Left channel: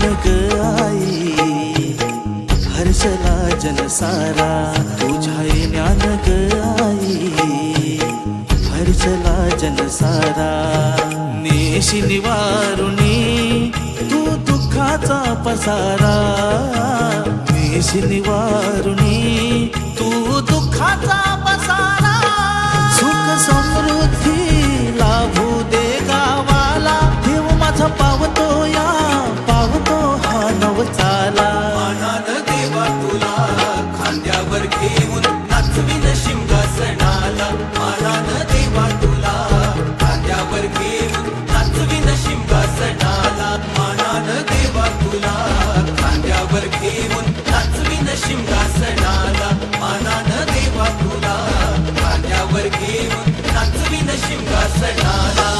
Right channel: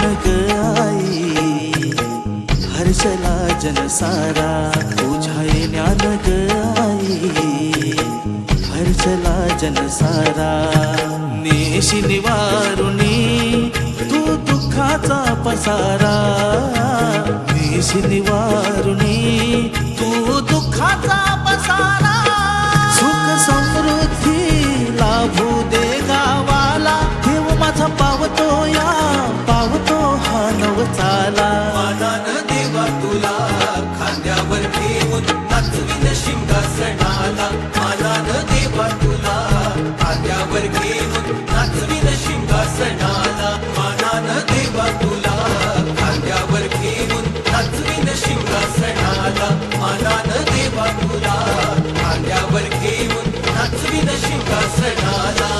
ज्ञान ग आई हर्षला जनसारा तुझ्या ज्ञान ग आई। हर्षला जनसारा नेशी निवारुणी तू दुःखाचा पसारा। नेशी निवारुणी तू दुःखाचा पसारा। सुख समृद्धी लाभू दे गावाला देव माझा पावतो या हा नवचाला मानान देवा तुला खांद्यावर घेऊन नाचविन शिंगासणाला मानान देवा तुला खांद्यावर घेऊन नाचविन शिंगासणाला मानान देवा तुला खांद्यावर घेऊन नाचविन शिंगासणाला मानान देवा तुला खांद्यावर घेऊन नाचविन शिंगासणाला